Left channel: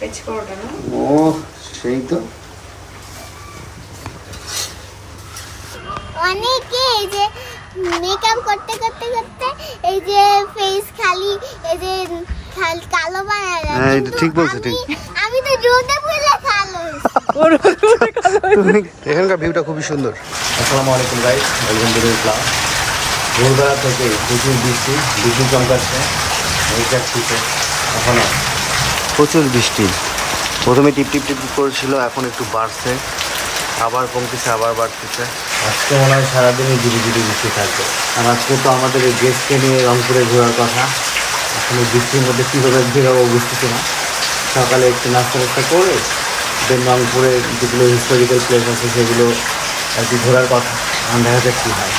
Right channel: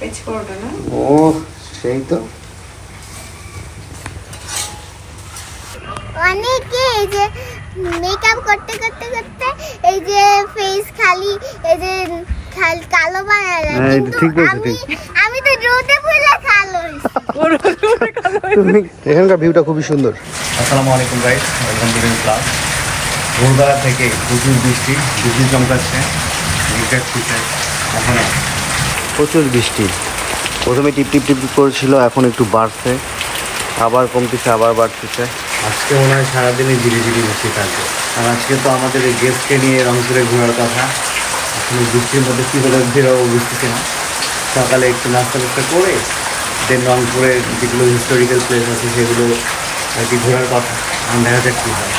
ও সেই তো অনেকে এই যে মেকআপ করতে করতে করতে এই যে ফেস খালি এই যে কালো বানায় দেয়। হ্যাঁ এটা ঠিক বলছো ঠিক। আমি তো রোদে পড়লে কালো এখানকার ভিউটা খুবই সুন্দর। আসসালামু আলাইকুম guys, welcome to new class. ভোরবেলা থেকে প্রচুর বৃষ্টি চমকাচ্ছে, এখনো প্রচুর বৃষ্টি। প্রথমে টিপ টিপ টিপ করেছিল, এখন একটু বাড়ছে, আবার কমতেছে, আবার বাড়তেছে। আজকে মনে হয় সারাদিনই ঝিরিঝিরি বৃষ্টি থাকবে। আর আজকে তো আমাদের এই গেস্টকে নিয়ে রংপুরে ঘোরার কথা। আসলে বৃষ্টির মধ্যে কীভাবে বেরোবো বুঝতেছি না। সকালে একটু নাস্তা করে দেন রংপুরে যেগুলো হিস্টোরিক্যাল প্লেস আছে সেগুলো আর কি ঘোরার কথা। দেখা যাক কী হয়।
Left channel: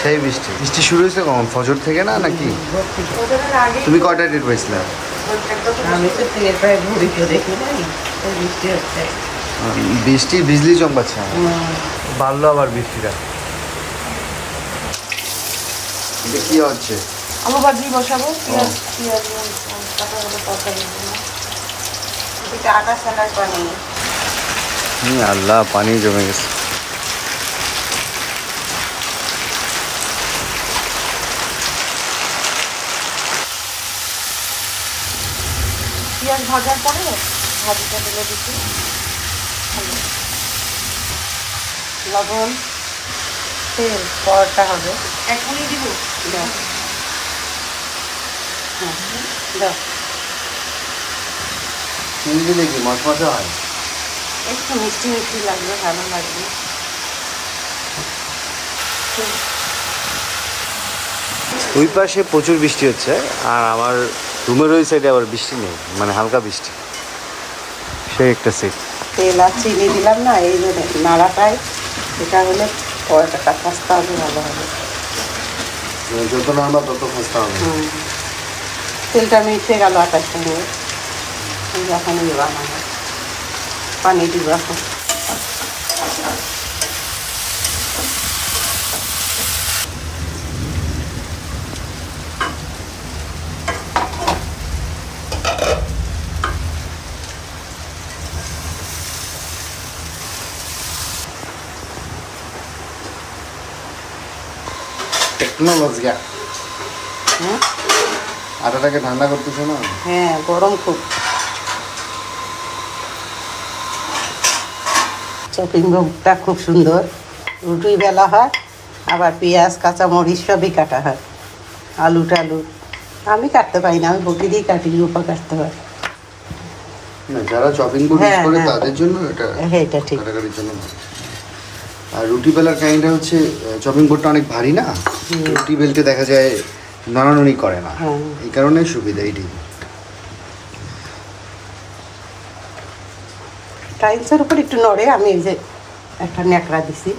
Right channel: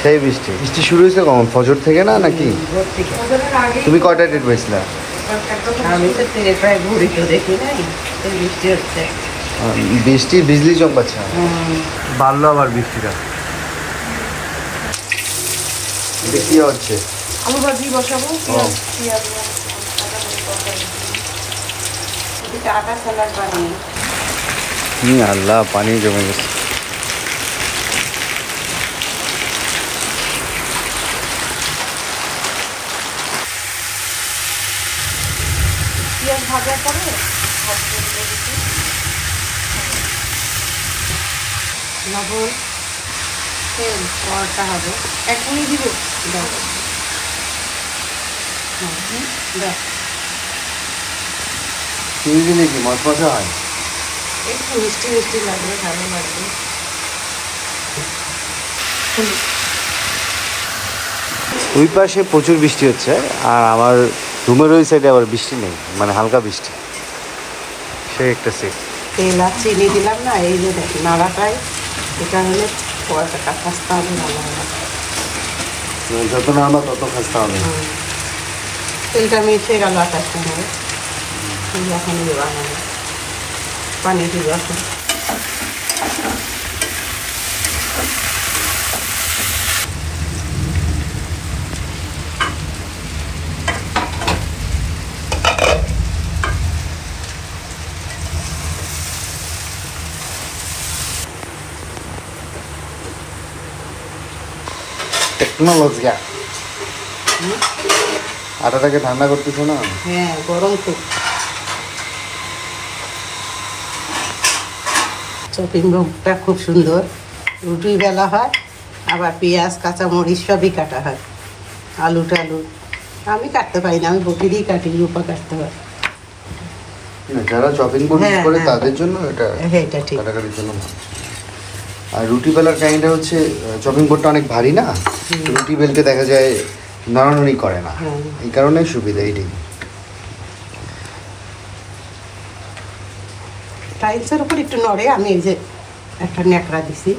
সেই বৃষ্টি শুরু হয়েছে কখন? ফজর থেকে না নাকি? তুমি কয়টা ডেট পাইছিলা? বৃষ্টি বিজলি চমকাচ্ছে, বাড়লো আবার বৃষ্টিটা। এটা কি হচ্ছে? আল্লাহ, পানি জমে গেছে। লবণ তেল পরোটা হবে এখনই দিব। চিনি দিলে কি মশমশা হয়? একটু মিষ্টি মিষ্টি লাগবে, ভালো লাগবে। ওই পাশে প্রচুর বৃষ্টি হচ্ছে, আর আমার রুমের ওই সাইডে আবার বৃষ্টি নেই, মানে হালকা বৃষ্টি। সে একটা সেট। তেল আর চিনি দিলাম না, এই যে নাড়াটাই এটা হলে পরোটাটা খাস্তা হবে, ভালো হবে। যত নাড়বা তত খাস্তা হবে। তেলটা মিশে গেল আটার সঙ্গে, এখন পানি দিব এখন। টেকনোলজি। আটাটাকে ঠান্ডা করতেছো না? হ্যাঁ, গরম খুব। চপিং বোর্ডটা খুব সুন্দর, রুটি বেলা হয়, আবার পেঁয়াজ কাঁচামরিচ সবই কাটা হয়, আলু টালু আমি কাটতে পারি না, আমি বটি দিয়ে কাটি, রূপা কাটতে হয়। যারা চপিং বোর্ড ইউজ করে তাদের জন্য এটা ঠিক, কাটাকাটির জন্য ভালো। আর রুটি বেলার কাহিনীটা হচ্ছে চপিং বোর্ডটা অনেক ভারী না, রুটি বেলতে দেখা যায় নড়ানড়ি করে না, এই কারণে সুবিধা এইটাই। টাইলসের উপর একটু নড়ে, আমি এই যে একটা ন্যাকড়া দিছি,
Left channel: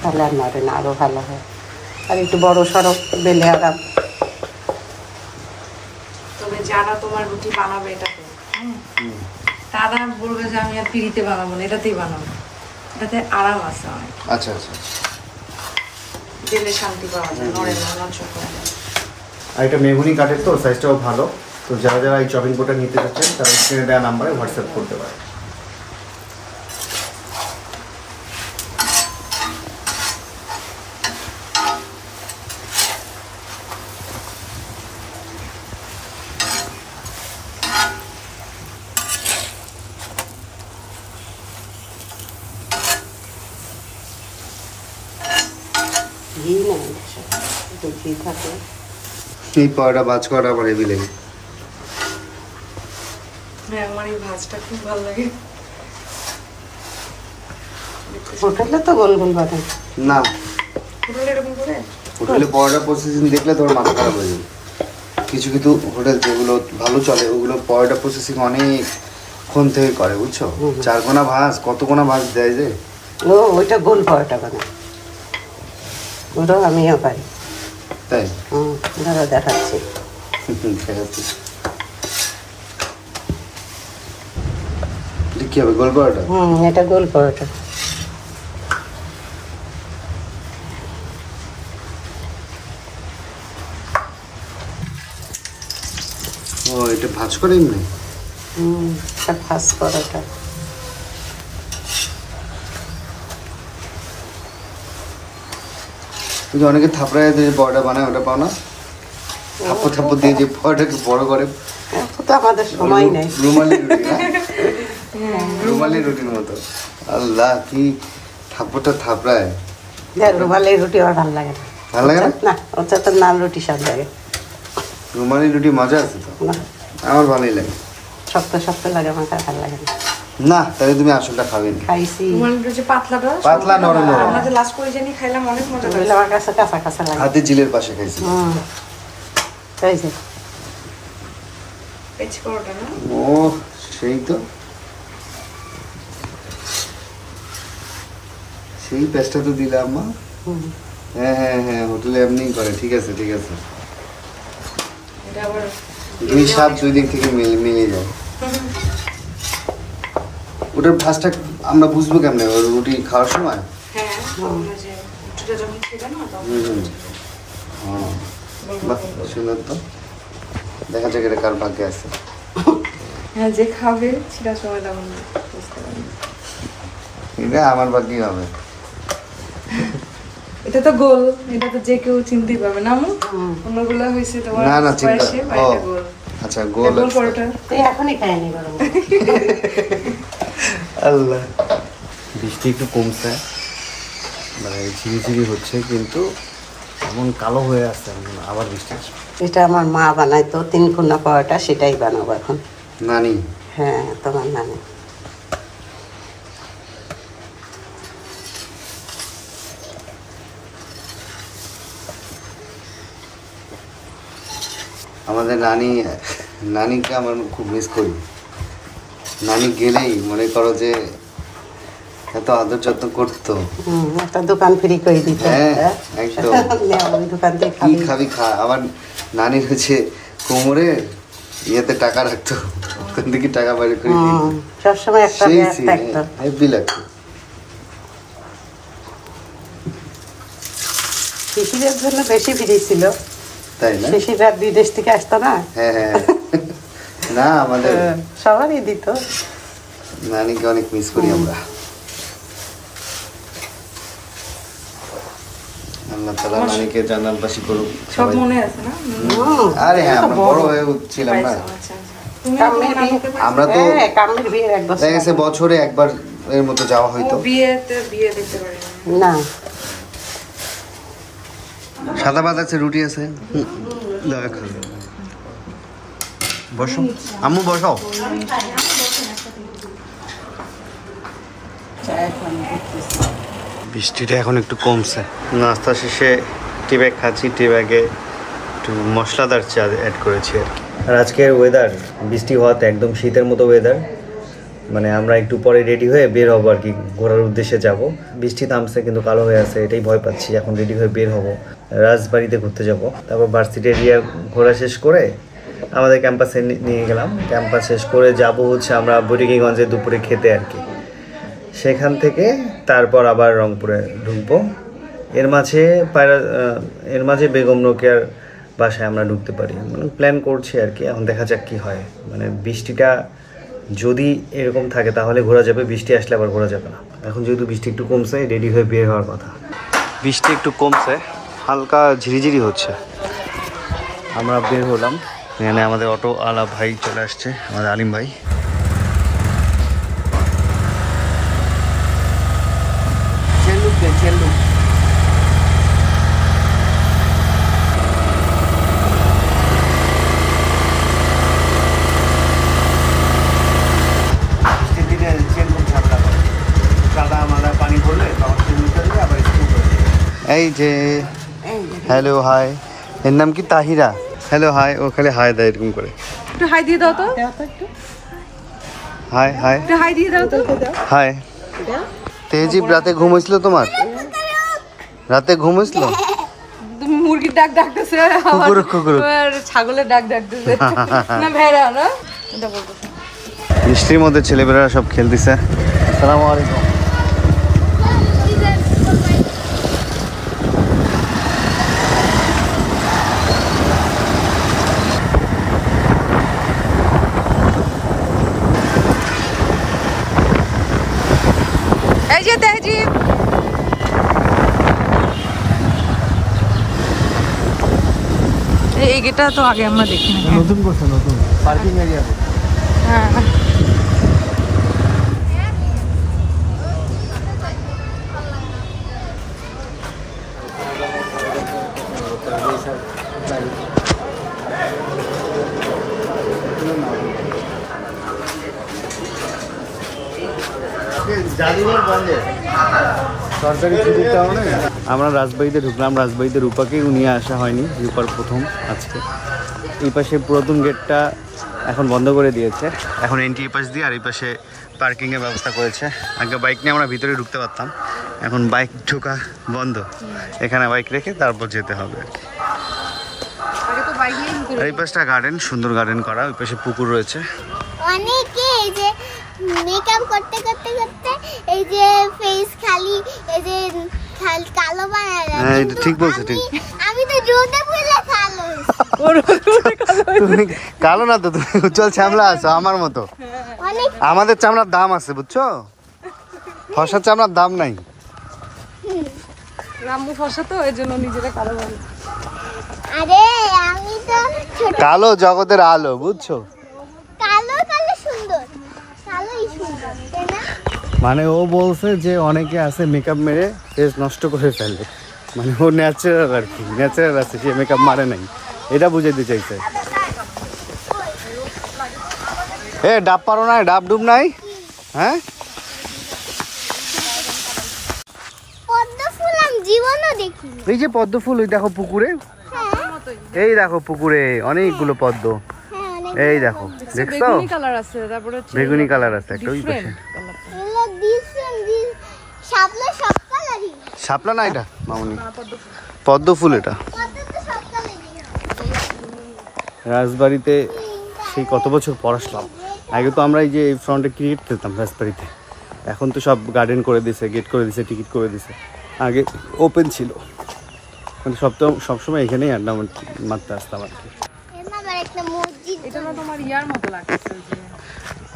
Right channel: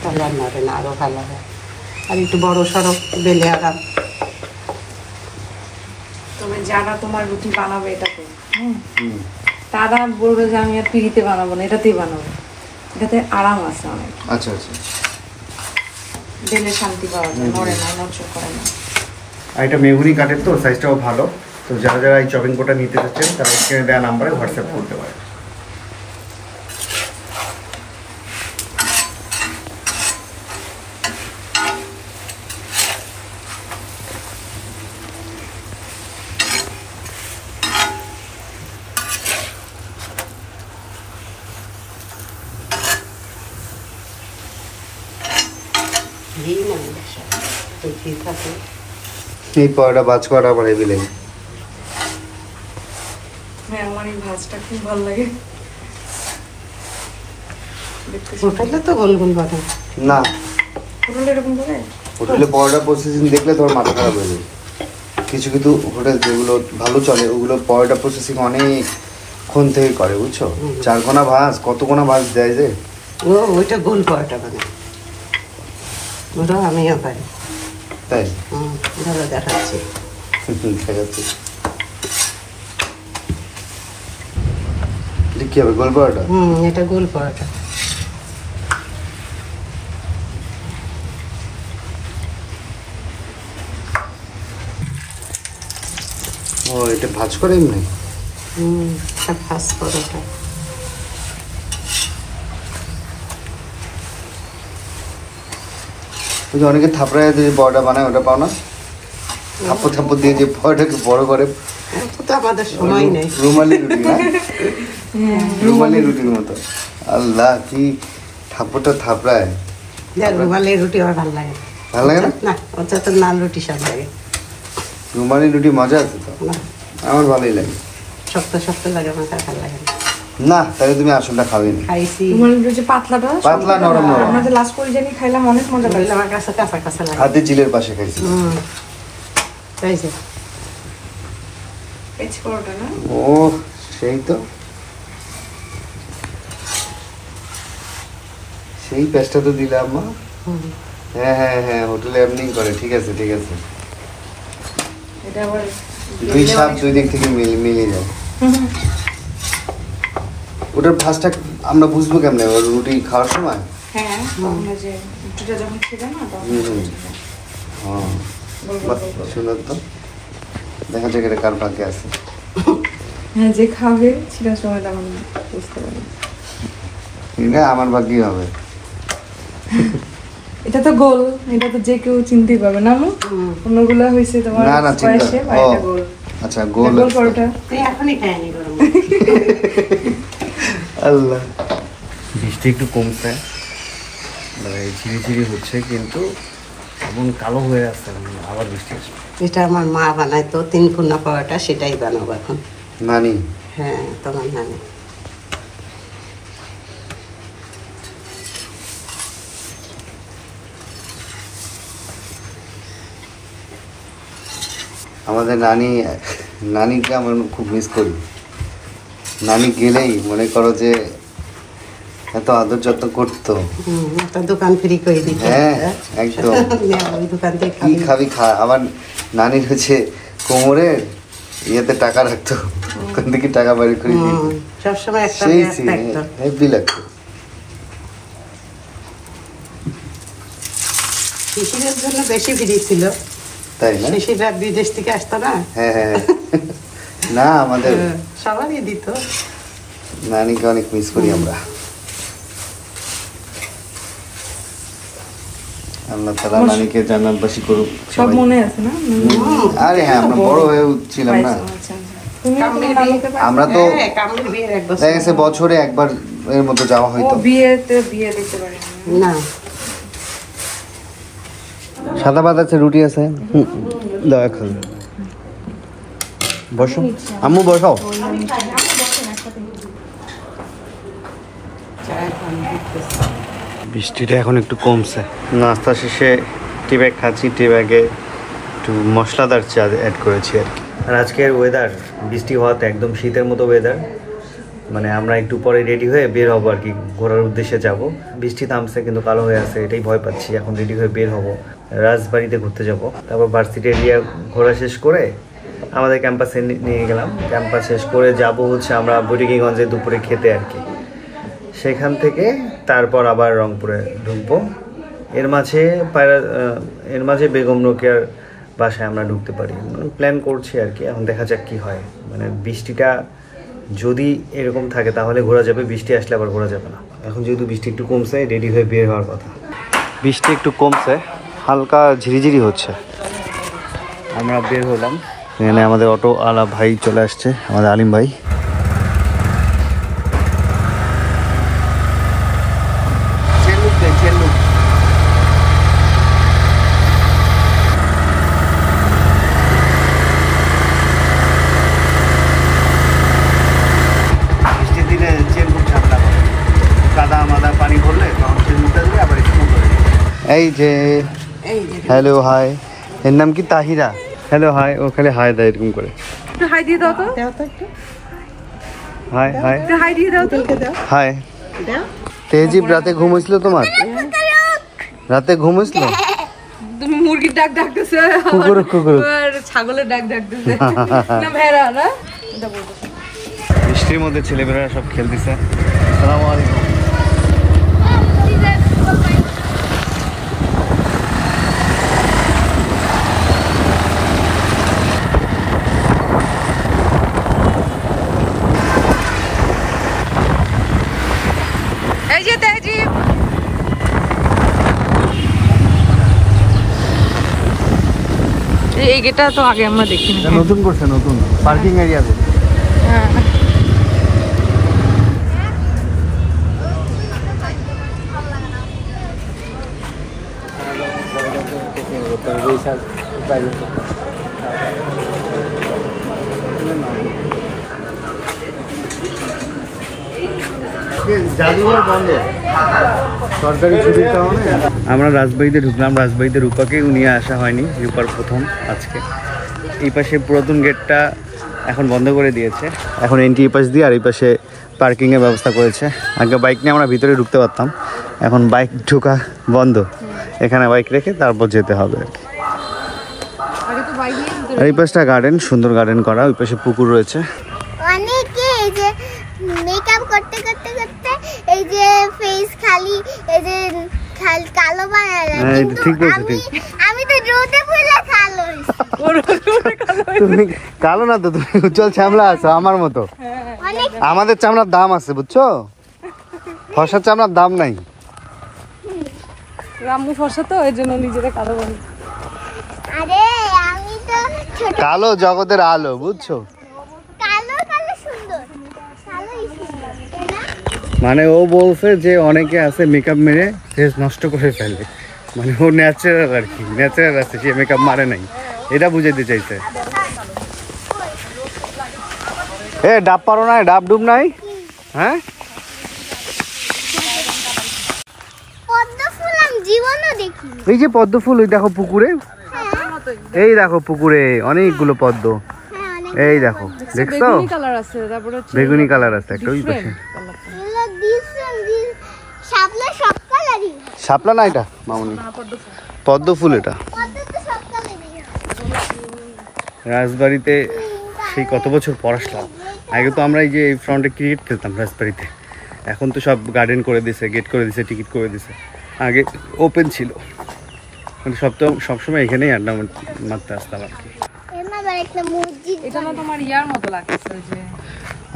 তাহলে আর নড়ে না, আরও ভালো হয়। আর একটু বড় সড়ো বেলে আরাম। তবে যারা তোমার রুটি বানাবে এটাতে, তারা বলবে যে আমি আর পিড়িতে বানাবো না, এটাতেই বানাবো, এটাতে আরাম আছে অনেক। আচ্ছা আচ্ছা, বেলে শান্তি পাওয়া যায়, নড়ে না, নড়চড় করে না। আর এটা মেহগুনি কাঠের তো, সাইজটাও ভালো। তো যারা যারা এই চপিং বোর্ডটা নিতে চাচ্ছেন তারা স্ক্রিনে দেওয়া নাম্বারে হোয়াটসঅ্যাপ করতে পারে। এই পরোটা ভাজ করা আমার হেভি লাগে। হ্যাঁ, আমার এই ভাজটা খুব ভালো লাগে। হোটেলে তো গোল গোল বানায় না, এরকম করে হোটেলে পরোটা প্রসেসিং দেখলে তোমার মাথা খারাপ হয়ে যাবে। কিছু কিছু হোটেল যেগুলো ভালো চলে ওগুলো পরোটা প্রসেসিং অনেকক্ষণ থেকে করে, বুঝছো? 4 কোনা ভাজ, কত কোনা ভাজ দেয় যে। ওইটা গোল পরোটা বানায়, ওটাও আমিও পারি। তাই দেখাচ্ছি, দেখাচ্ছি কি হবে গোল পরোটা। এটা গোল পরোটা। ও এটা ভাজ করে এমনি? ফার্স্ট পরোটা। ওই যে অনেকে থাপড়ায় যে পরোটা বানায় ওটা পাও না, থাপ্পড় থাপ্পড় দিয়ে যে পরোটাকে বড় করে, এখন তো আমাদের সময় নেই। রুমালি রুটি না, রুমালি রুটির মতো। আল্লাহ কি থাপ্পড়টা থাপড়ায়। রুমালের রুটি আমার ভালো লাগে ভালো লাগে না? না, ওটা তো নান রুটি স্বাদ লাগে। রুমালি রুটি মজা আছে তো, না, আমার ভালোই লাগে। শক্ত শক্ত লাগে, আমার কাছে ভালো লাগে না। না তাহলে তুমি আসলটা খাবে না। খাইছি, রুমালের যে পাতলাটা, পাতলা নরম নরম, আমরা যে লাস্ট করে জানি খাইলাম, অনেক মজা লাগে। ওগুলো আমার কাছে কাঁচা কাঁচা লাগে। হাতে চিলের পাশে খাইছি। খাইছি। পেঁচ পরোটা না? ও সেই তো, সেই পেস্টটা তো দিলাম মা। হ্যাঁ হ্যাঁ হ্যাঁ, হোটেলে এমনি করে। ঠিক আছে ঠিক আছে, এটা আবার দুই স্বাদ দুই দিক থেকে মিলে যায়। ওটার ভাঁজটা আমরা বুঝবো কেমনে ওর রুটি খাওয়ার সময়? হ্যাঁ, আমরা যে রুটিটা যখন খেতে না তখন হ্যাঁ, বাহ সুন্দর তো। দেখা যাক এটা কার ভাগ্যে আছে। হ্যাঁ, যে খাবে সেটা সময় তখন বুঝতে পারবে। এটা আমার ভাগ্যই হবে। এটা তো গোল, এটা তো যে কেউ চিনতে পারবে না। অন্যগুলো হয়েছে তোমার না না চিন্তা, square shape, ও আর এটা গোল। আচ্ছা গোল গোল পরোটা। তুই এখনই খাইনি গরম। আল্লাহ, বৃষ্টি একটু কমছে, মানে ঝিরিঝিরি হচ্ছে, কিন্তু এমন কালো হয়ে আসছে আবার বৃষ্টি আসবে। এটা আমার মা বানাইতো 3 খুনা পরোটা, সেটাই বানাবো এখন। নানি? হ্যাঁ, তোমার নানি। আমাদের নানিকে আমার খুব মিস করি। নানি গেলেই মনে করো যে এত আদর যত্ন করতো। একটা দোকান ফ্রি করে দিত। হ্যাঁ একদম, দোকান থেকে কি খাবি খা। আবার নানির হচ্ছে কোমরের ইয়েতে টাকা রাখতো, ওখান থেকে টাকা বাড়ি করে দিত। সবসময় একটা সেই ব্যাগ থাকতো। হেভি লাগতো। শিশিরের জন্য বেশি ফ্রি ছিল, তাই না? শিশিরা বিদেশ থেকে আসতো না। হ্যাঁ হ্যাঁ, না আমাদের সবারই দিত। নানিকে অনেক মিস করি আমরা। আল্লাহ তাআলা নানিকে জান্নাতবাসী করুক সব সবাই। মনে আছে না? আরে হ্যাঁ, আমরা বড় হয়ে ছিলাম না। আচ্ছা, আচ্ছা। তুমি কামলির বিয়ে- আমরা তো হ্যাঁ, কামলির বিয়ের 1 বছর। দেখা গেছে বছরে একবার এর মতো যাওয়া হয়তো। বিয়ে দেখতে পারি না। না, সাদা ভাত আছে, রুটি আছে। দেখো বসো আম্মু, বসাও। বৃষ্টিটা এখন একটু কমছে। নাস্তা শেষে টি ব্যাগ খাচ্ছি, টি ব্যাগে একটু মশলাদার চা অ্যাড করেছি আর কি। আর আজকের ওয়েদার বৃষ্টি হওয়াতে একদম শীতের মতো ওয়েদার, মানে আমরা একটু পরে রেডি হয়ে বের হবো আর কি, ঘোরার উদ্দেশ্যে যাব। বৃষ্টি থামছে কিন্তু কালো হয়ে আছে, এটাই ভয় পাচ্ছি। এখন রেডি হয়ে বের হব, রাজবাড়িতে ঘুরতে যাব। তারপর ভার্সিটি এরিয়া ঘোরা শেষ করে আমাদের ক্যাম্পাসে নিয়ে গেলাম। ক্যাম্পাস শেষ করে যাব হচ্ছে আমরা বুড়িগঞ্জে দুপুরে খেতে আর কি। সেখান থেকে তারপর আবার রংপুরে ঢুকবো। এর মাঝে বেগম রোকেয়ার বাসায় আমরা ঢুকতে পারি, মানে প্ল্যান করছি আর কি। এখন দেখা যাক কি হয়, মানে বৃষ্টিটা যদি এরকম থাকে তাহলে ঘোরা যাবে, বৃষ্টি আসলে আবার ঘোরা যাবে না। এখন যেহেতু বৃষ্টি একটু কমছে, রেডি হয়ে বের হওয়ার কথা। বৃষ্টি একটু কমছে, হালকা ঝিরিঝিরি হচ্ছে। আমরা বের হলাম, এখানে আমাদের অটো আলা ভাই চলে আসছে, আমাদের আলিম ভাই। এই যে হ্যালো হাই, এর নাম কি তাহিরা। হ্যালো হাই, ও খালি হাই দেয় এরকম করে। একটু হাই দিয়ে দাও তো। দাও তো একটু। হাই হাই একটু হাই দিয়ে দাও তো। হাই। দাও। তেহজিব রাতে ঘুম হয়েছিল তোমার? রাতে ঘুম হয়েছিল? তুমি মুরগির ডাক ডাকতেছো, কুকুর কুকুর, আর ছাগলের ডাক ডাকতেছে না ভেড়া না। বৃষ্টির মধ্যে ছেলেমেয়েরা সব খেলতেছে। আসসালামু আলাইকুম। এটা তো আগে আমরা দেখিনি। নতুন করছে, নতুন পার্কিং এরিয়া তো। হ্যাঁ জাদুঘর বন্ধ সরকারি ছুটির কারণে আমরা রাজবাড়িতে ঢুকলাম। রাজবাড়িতে রূপাকেও নিয়ে আসা হয়নি, রূপার প্রথম আজকে। এই পাশে পুরাতন গেটটা এখন বন্ধ করে দিয়েছে, এখন এন্ট্রি এই পাশ দিয়ে, আর এই পাশে পার্কিংয়ের ব্যবস্থা করেছে। আগে বাইক নিয়ে আমরা ভিতরে ঢুকতে পারতাম, এখন বাইক ঢোকা বন্ধ, এখানে বাইক রেখে তারপর যেতে হবে। আর এই পাশটা গার্ডেন, সুন্দর গার্ডেন করা, ওই পাশে পুকুর রয়েছে। অনেকে এই যে মেকআপ করতে করতে করতে এই যে ফেস খালি এই যে কালো বানায়। হ্যাঁ এটা ঠিক বলছো, ঠিক। আমি তো রোদে পুরো কালো। তুমি কালো না তো, তুমি উজ্জ্বল চামড়া আছো আমার মতো। অনেক আমাদের চামড়ার দাম আছে বুঝছো, ফর্সা চামড়ার দাম নাই। রামু ফসা তো এই জন্য নিজেরা কালো বানায়। আরে আমি তো ছোট কালো জগতের আলো বুঝছো, কালো কালো সুন্দর, কালোই সুন্দর তাই না? মানে ও বলছে যে অনেকে আছে মেকআপ মেরে ফেস নষ্ট করে ফেলে, মানে ও ন্যাচারাল আর কি, ন্যাচারাল আছে, সে মেকআপ মারে নাই, এটা বুঝাইতে চাইছে। এ ডাব পারো না, ডাব ডুব নাই? হ্যাঁ পদ্ম ফুল আমি জীবনও দেখিনি। এই যে পদ্ম ফুল, ওই দেখো পুকুরে, হ্যাঁ এই দেখো পুকুরে অনেকগুলো পদ্ম, হ্যাঁ অনেক এই দেখো দেখছো, বেগুনি কালার আছে, তারপরে বেগুনি কালার আছে একটা ওই পাশে। এগুলো ডিফারেন্ট শাপলা সব কালারই। শাপলা না এটা মামুনি, পদ্ম ফুল এটা। রাজবাড়িতে সেই কত বছর পর আসলাম। আগে তো আমরা এই যে ফ্রন্টে ক্রিকেট খেলতাম রাজবাড়িতে, এখন তো সব গার্ডেন করে দিয়েছে, গেট করে দিয়েছে, টিকিট করে দিয়েছে। আগে ওপেন ছিল, মানে সবসময় এখানেই আড্ডা মারতে আসতাম আর কি। একটা মসজিদ এটা না তোমার ইয়ার মতো লাগছে যে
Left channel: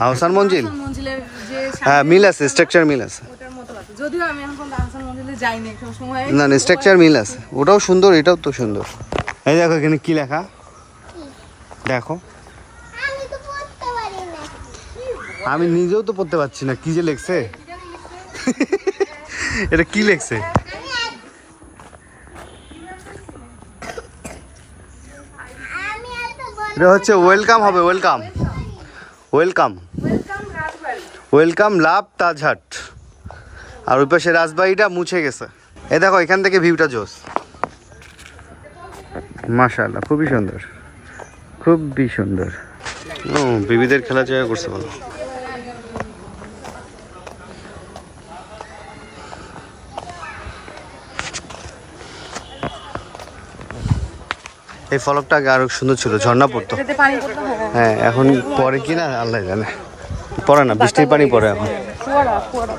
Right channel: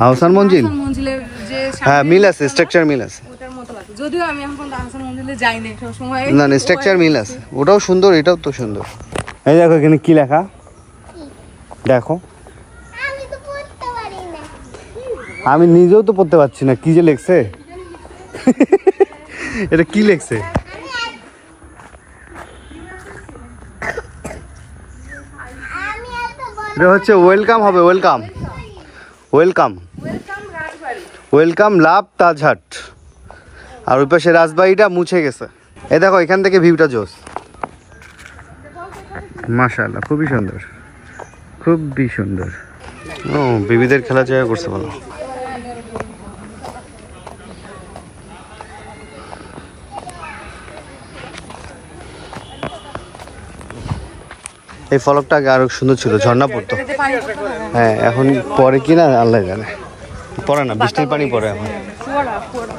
আহসান মঞ্জিল, মঞ্জিলের যে হ্যাঁ মিল আছে, স্ট্রাকচার মিল আছে। ওটার মতো লাগছে, যদিও আমি এখন পর্যন্ত আহসান মঞ্জিলে যাইনি, সবসময় না না স্ট্রাকচার মিল আছে, ওটাও সুন্দর, এটাও তো সুন্দর। এই দেখো এখানে কি লেখা দেখো, আমি তো পড়তে পারি না। আমি নিজেও তো পড়তে পারছি না, কি যে লেখছে এটা কি লেখছে? আমি আর তো বড় এটা হচ্ছে ওয়েলকাম হবে, ওয়েলকাম ওয়েলকাম ওয়েলকাম লাভ তাজহাট। আর ওই পাশে রাজবাড়িটা মুছে গেছে। এই দেখো এখান থেকে ভিউটা জোস, মাশাআল্লাহ খুবই সুন্দর, খুবই সুন্দর। ও বেবিদের খেলা জায়গা করছে বলো। এই ফলকটা আগে আরো সুন্দর ছিল, ঝর্ণা পড়তো। এটাতে পানি পড়তে হবে। হ্যাঁ এখন পরে কি না আল্লাহ জানে, পড়ে না, বৃষ্টির পানি পড়ে এখন। ফোয়ারা ফোয়ারা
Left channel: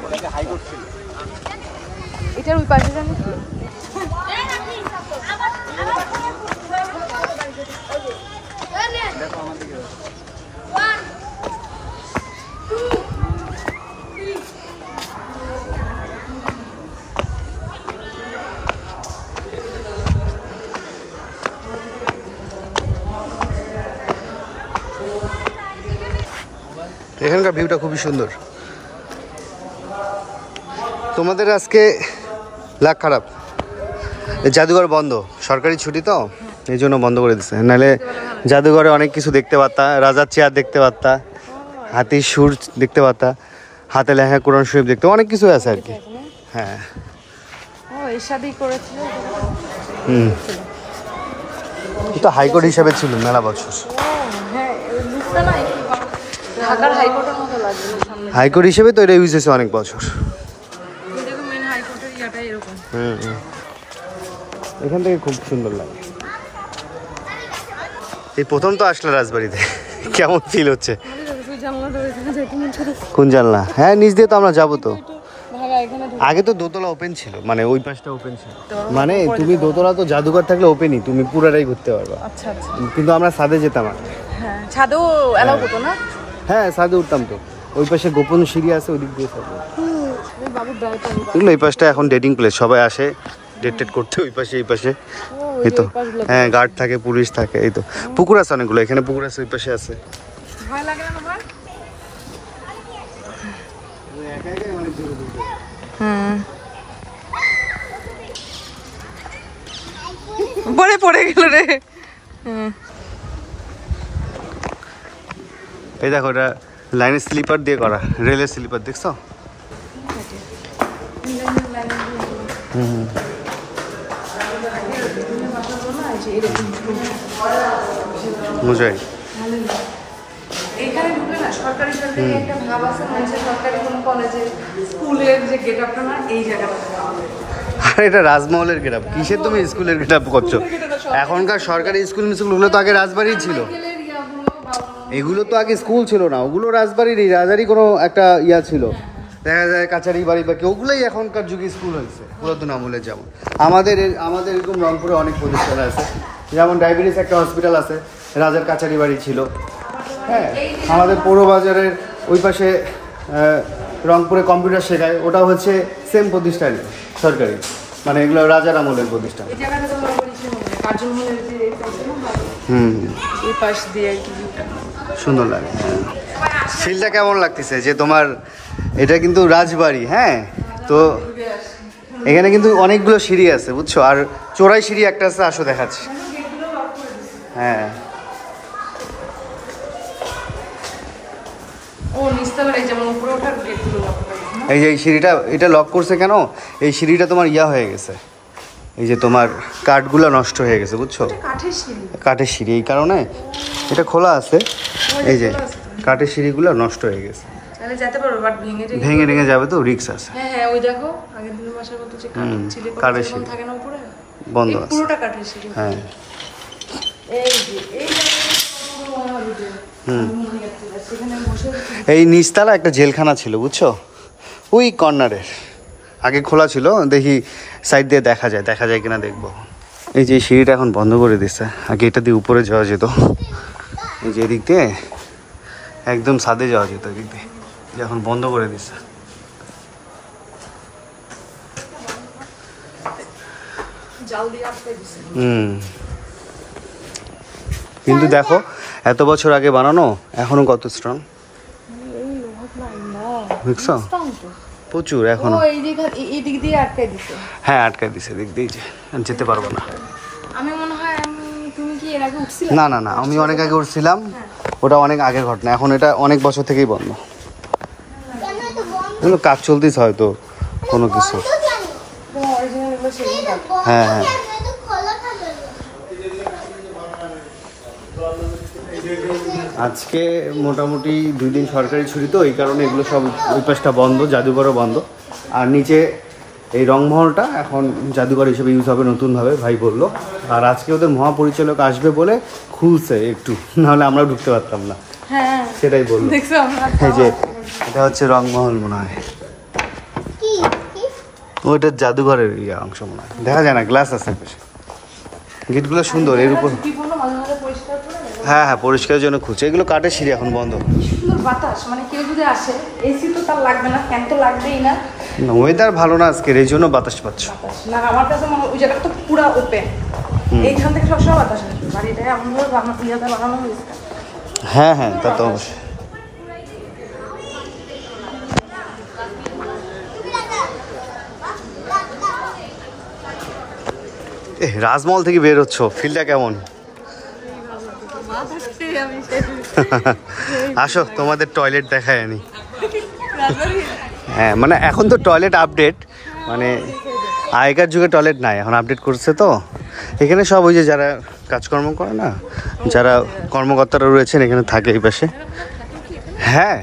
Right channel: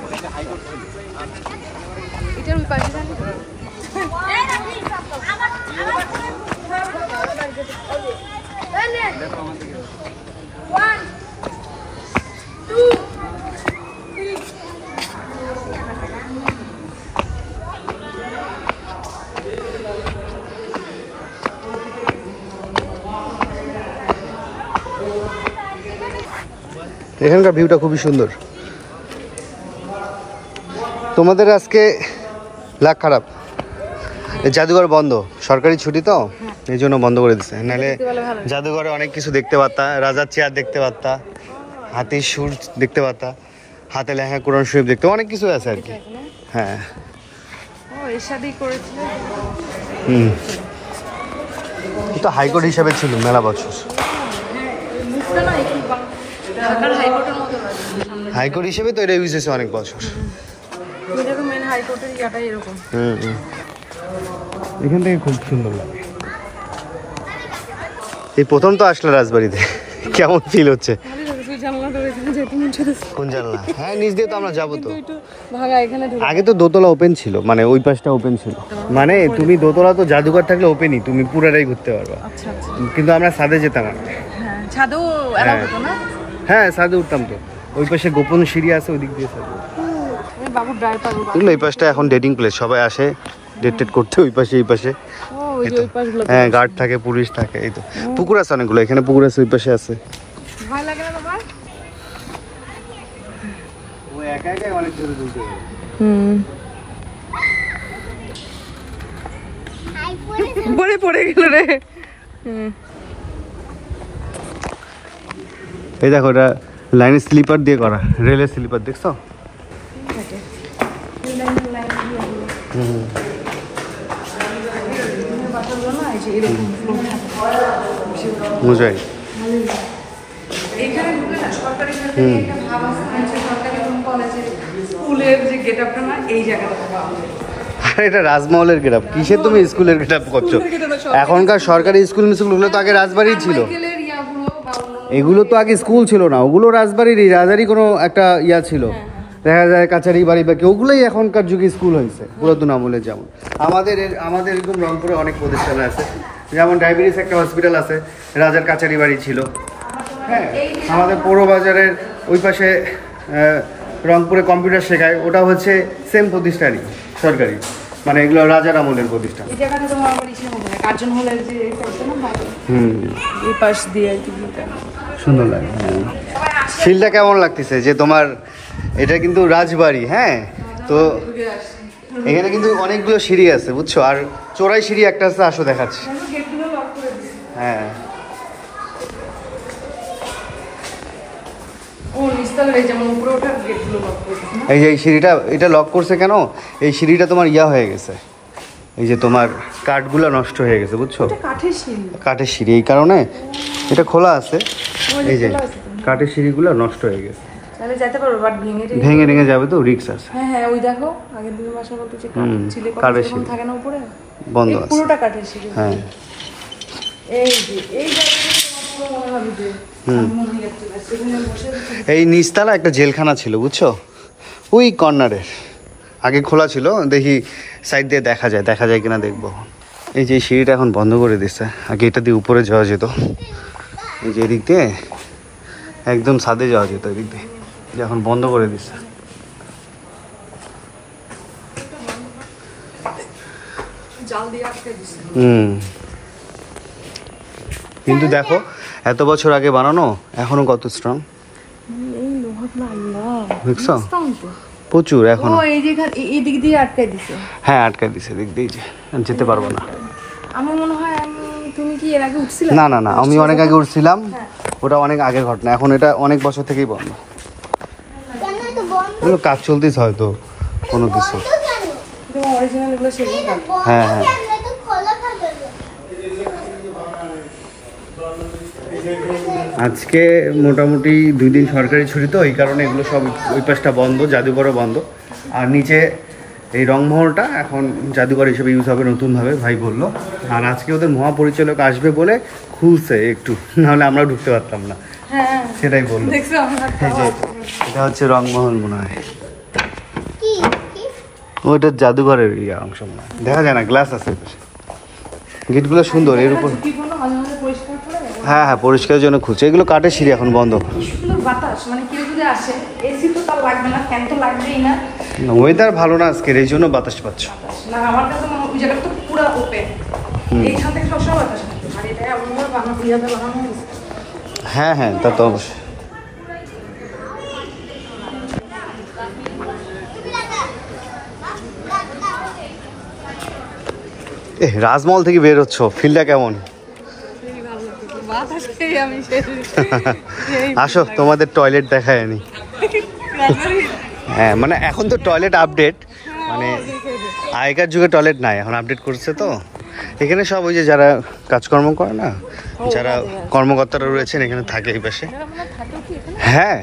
এটার ওই পাশে যান। এখানকার ভিউটা খুবই সুন্দর। তোমাদের আজকে লাখ খারাপ, জাদুঘর বন্ধ, সরকারি ছুটি তো এই জন্য বন্ধ করে দিচ্ছে, নাহলে জাদুঘরে অনেক কিছু দেখতে পারতা, রাজার চেয়ার দেখতে পারতা, হাতির সুর দেখতে পারতা, হাতে লেখা কোরআন শরীফ দেখতে, অনেক কিছু আছে আর কি। হ্যাঁ এসবই করেছিল। হুম, তো হাইকোর্ট হিসাবে ছিল মেলা বছর, ঢাকার হাইকোর্টের মতো লাগে। হাইকোর্ট হিসেবে তো এটা ইউজ হয়েছে অনেক বছর। এটাকে মেন হাইকোর্টের জায়গাটা এরকম। হুম হুম, এখান থেকে খুব সুন্দর লাগে। এই প্রথম তো আসলে রাজবাড়িতে, কেমন ফিল হচ্ছে? কোন জানলা? হ্যাঁ নিচ দিয়ে তো আমরা যাবো তো। আগে তো দোতলা ওপেন ছিল, মানে ওই পাশটা ওপেন ছিল, মানে তুমি দোতলা তো জাদুঘর থাকলে ওপেনই, তুমি পুরাটাই ঘুরতে পারবা। কিন্তু আমরা ছাদে যেতাম আর ছাদেও এলাও হতো না। হ্যাঁ ছাদে উঠতাম তো, ওই পাশে গোপন সিঁড়ি আছে, ওই দিক দিয়ে ছাদে। বাবু ড্রাইভার এগুলো এই পাশটা এখন ডেটিং প্লেস, সবাই আসে ডেট করতে ওই পাশে এই পাশে। এই তো হ্যাঁ, গার্ড থাকে, পুলিশ থাকে। এই তো পুকুর আছে অনেকগুলো, এখানে পুকুর আছে, ওই পাশে আছে। ভয় লাগে না তোমার? ওই একা একাই অনেক দূরে দূরে যায়। পড়ে গেল রে। এই দেখো, এটা লাইনের স্লিপার দিয়ে করা, রেলের স্লিপার, দেখছো? মজাই। এটা রাজমহলের গেটআপ, কিসের তুমি স্কুলের গেটআপ করছো? এখনকার সরকারি স্কুলগুলো তো আগে রাজবাড়ি ছিল। এগুলো তো আগে স্কুল ছিল না, ওগুলো রাজবাড়িরই, রাজারই কোনো একটা ইয়া ছিল, দেখা যায় কাছারি বাড়ি বা ওগুলোই এখনকার যুগে স্কুল হয়েছে পুরাতন আমলের। যেমন আমাদের এরকম রংপুরে অনেক প্রতিষ্ঠান আছে, যেমন ডায়াবেটিস একটা হসপিটাল আছে, রাজার কাছারি বাড়ি ছিল। হ্যাঁ, আমাদের পৌর বাজারের ওই পাশে রংপুরে কম্পিউটার শেখায়, ওটা হচ্ছে সেম প্রতিষ্ঠানই, সরকারি, মানে এগুলো রাজার আমলের প্রতিষ্ঠান। সুন্দর লাগে। হ্যাঁ, ফিলটা কেমন লাগতেছে যে তোমার? এটা কিন্তু রাজবাড়ি। হ্যাঁ, তো এখানে কিন্তু অনেকগুলো সিঁড়ি আছে, বুঝছো? আর চোরাই সিঁড়ি একটা আছে, আসো দেখাচ্ছি। হ্যাঁ, এই যে এই সিঁড়িটা, এটা লক করছে কেন? এই সিঁড়িটা তোমার ইয়া হয়ে গেছে, এই যে তোমার কাঠগুলো নষ্ট হয়ে গেছে, বুঝছো? কাঠের সিঁড়ি, এই কারণে এটা খোলা আছে। এই যে কাঠের সিঁড়িগুলো নষ্ট হয়ে গেছে, ভেঙে ভেঙে যাবে তো, রিস্ক আছে। কাঠের সিঁড়ি বন্ধ আছে। হ্যাঁ, এই নিচতলা একটা জেলখানা ছিল, বুঝছো? ওই কর্নারের আগে খোলা ছিল, দেখি সাইড দিয়ে দেখা যায় কিনা দেখবো। এই যে সিঁড়িটা এখন বন্ধ করে দিচ্ছে, আগে এটা দিয়ে উপরে যাওয়া যেত, এই যে এদিক দিয়ে একদম ছাদে যাওয়া যেত, এদিক দিয়ে এখন বন্ধ করে দিচ্ছে। কিন্তু দেখো, এত বছর আগে বানানো, এখনো কত স্ট্রং, দেখছো? প্রচুর এখনো। হ্যাঁ, আটকাই দিছে, দিক দিয়ে যেতে পারবো না। না না না, আমি অনেক আগে উঠছিলাম, ওটা অনেক আগের ঘটনা। এখন এটা অনেক বছর থেকেই বন্ধ, কাজ চলতেছে হয়তো কোনো কিছু। হ্যাঁ হ্যাঁ, আজকে মোটামুটি 2 দিন সরকারি ছুটি, তো এই কারণে এগুলো সব ওই পাশটা বন্ধ, জাদুঘরও বন্ধ। আর নিচে এই রংমহলটা এখন জাদুঘর হিসেবে ইউজ হবে নতুনভাবে, ভাই বললো। আর আজকে ওদের মহাপরিচালক আসবে বলে খুলছে একটু, নাহলে আমরা ঢুকতে পারতাম না, সেটাই বললো। এই যে এটা হচ্ছে রংমহল মনে হয়, ওইটা জাদুঘরের অংশ মনে হয়, দেখা যায় না, গ্লাস আছে বেশি। গেটগুলো সুন্দর, এর উপর। হ্যাঁ হ্যাঁ, পরিষ্কারের জন্য খুঁজছে। এগুলো কাঠের সিঁড়ি, এখন বন্ধ। ওয়েদার ভালো না আজকের, এই জন্য বাতাস পাচ্ছ। হ্যাঁ হ্যাঁ, তা তো অবশ্যই। রাজমহল থেকে বের হচ্ছ, ফিলটা কেমন? আসো, তোমাদের টয়লেট দেখায় নি। হ্যাঁ, মানে এখন তো টয়লেট আপডেট, মানে আগেকার যুগে টয়লেট নাই, এখন আপডেট করছে। তো এখানে সব ওই যে যারা কাজকর্ম করে না, যারা কর্মকর্তারা রয়েছেন এখানে থাকে এই পাশে। হ্যাঁ,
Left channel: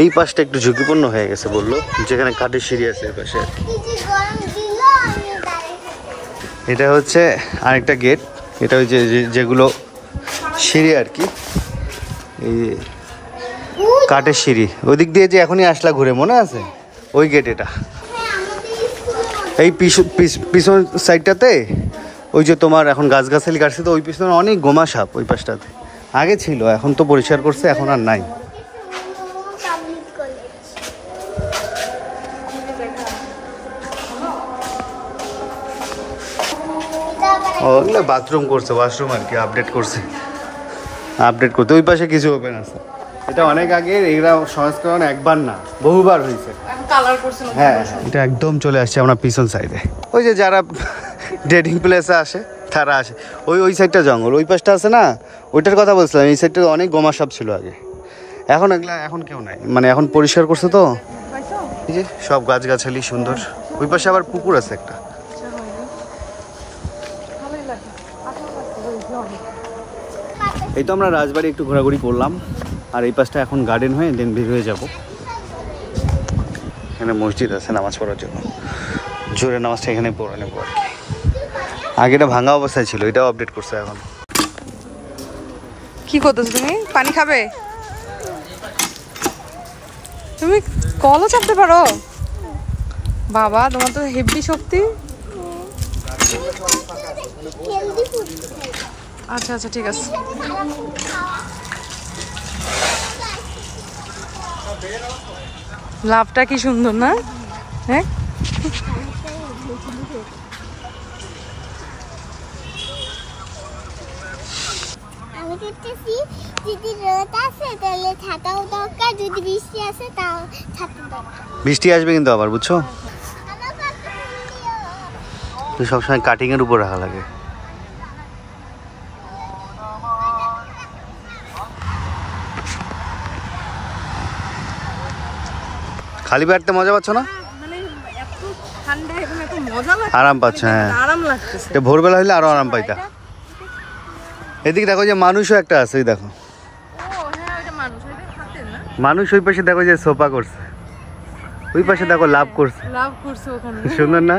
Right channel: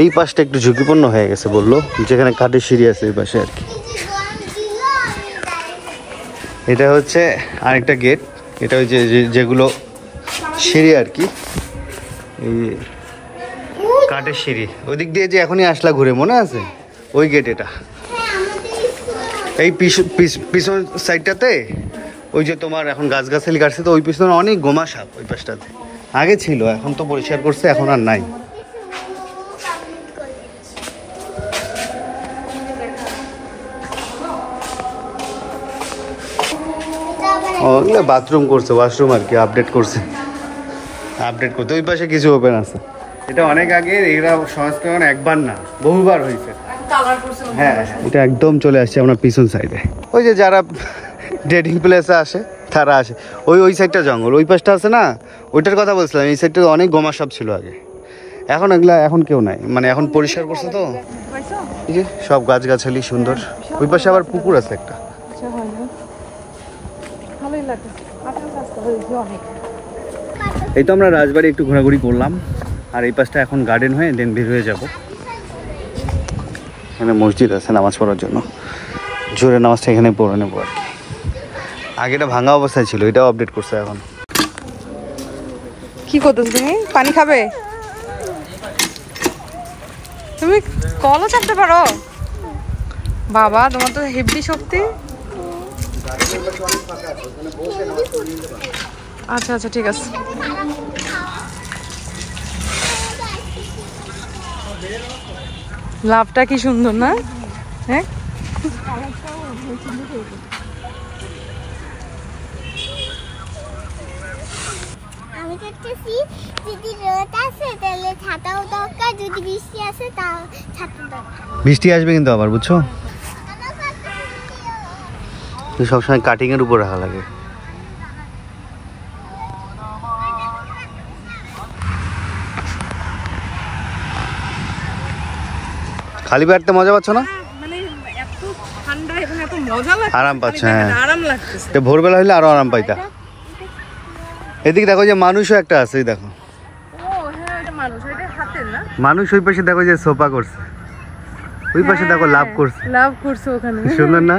এই পাশটা একটু ঝুঁকিপূর্ণ হয়ে গেছে বললো, যেখানে কাঠের সিঁড়ি আছে এই পাশে আর কি। এটা হচ্ছে আরেকটা গেট, এটা ওই যে যেগুলো সিঁড়ি আর কি, এই কাঠের সিঁড়ি। ওই দিক দিয়ে যে এখনই আসলা ঘুরে, মনে আছে? ওই গেট এটা। এই পিছন সাইডটাতে ওই যে তোমার এখন গাছগাছালি কাটছে, তো ওই পিছনে অনেক গোমা সাপ ওই পাশটাতে আগে ছিল, এখন তো পরিষ্কার করছে, এখন আর নাই। ওগুলো বাথরুম করছে, ওয়াশরুম আর কি, আপডেট করছে, আপডেট করতে। ওই পাশে কিছু ওপেন আছে। এটা অনেক আগে, এরা সংস্করণ একবার না বহুবার হয়েছে। হ্যাঁ হ্যাঁ, এটা একদম চলে আসছে আমরা পিছন সাইডে। ওই যে যারা ডেটিং প্লেসে আসে তারা আসে। ওই সাইডটা জঙ্গল, ওই পাশটা আছে না, ওইটার কথা বলছিলাম। এই সাইডটা অনেক গোমা সাপ ছিল আগে, এখন এগুলা এখন কেউ নাই, মানে এখন পরিষ্কার করছে তো। এই যে সব গাছগাছালি সুন্দর। ওই পাশে আবার পুকুর আছে একটা। এই তো আমরা রাজবাড়ি একটু ঘোরাঘুরি করলাম, আর এই পাশটা এখন গার্ডেন হয়ে দেন বের হয়ে যাব। এখানে মসজিদ আছে নামাজ পড়ার জন্য, জোরে নামাজটা এখানে পড়ে নেবো আর কি। আগে এটা ভাঙা অবস্থায় ছিল, এটাও আপডেট করছে এখন। কি করতেছ তুমি? পানি খাবে? তুমি কলও চাপতে পারো? বাবা, তোমার তো হেভি শক্তি। আচ্ছা আচ্ছা, ঠিক আছে। লাভটা কি সুন্দর না? হ্যাঁ, আমি দেখতেছি যদি রোদ আসে তাহলে ছাতাও দরকার, যদি বৃষ্টি আসে তাও ছাতা দরকার। বৃষ্টি আসবে কিন্তু আবার, বুঝছো, সবসময় কাটিং এর উপর রাখা লাগে। খালি বেড়াতে মজা পাচ্ছ না? মানে এত ঠান্ডা এবং এত মজা লাগছে, আরাম পাচ্ছে, হ্যাঁ আরাম লাগতেছে। এটা ভোরবেলা হইলে আরো আরাম পাইতা। এদিকে দেখো যে মানুষও একটা আছে, এই দেখো মানুষ। ওই পাশে দেখো যে সোফা করছে, ওই পাশে দেখো লাভ করছে, লাভ করছে ওখানে। সুন্দর না?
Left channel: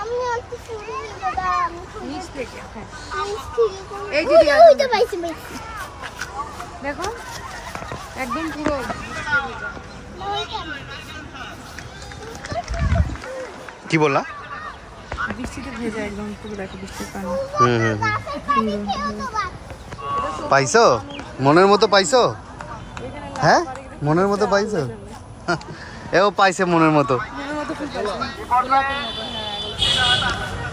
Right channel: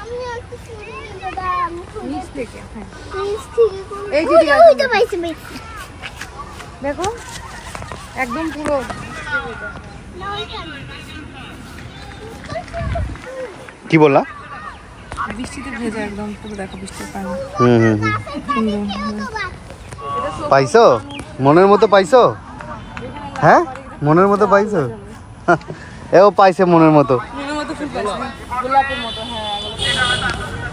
আমি একটু শুরু দাদা, আমি নিচ থেকে, হ্যাঁ। এই যে ওই তো পাইছি পাইছি। দেখো একদম পুরো কি বললা? বৃষ্টিতে ভেজা একদম পুরো, দেখো বৃষ্টির পানি। হুম। সুন্দর। পাইছো মনের মতো পাইছো? হ্যাঁ মনের মতো পাইছো? এও পাইছে মনের মতো। মনের মতো ফুল পাইছি, গোলাপের মতো। হ্যাঁ,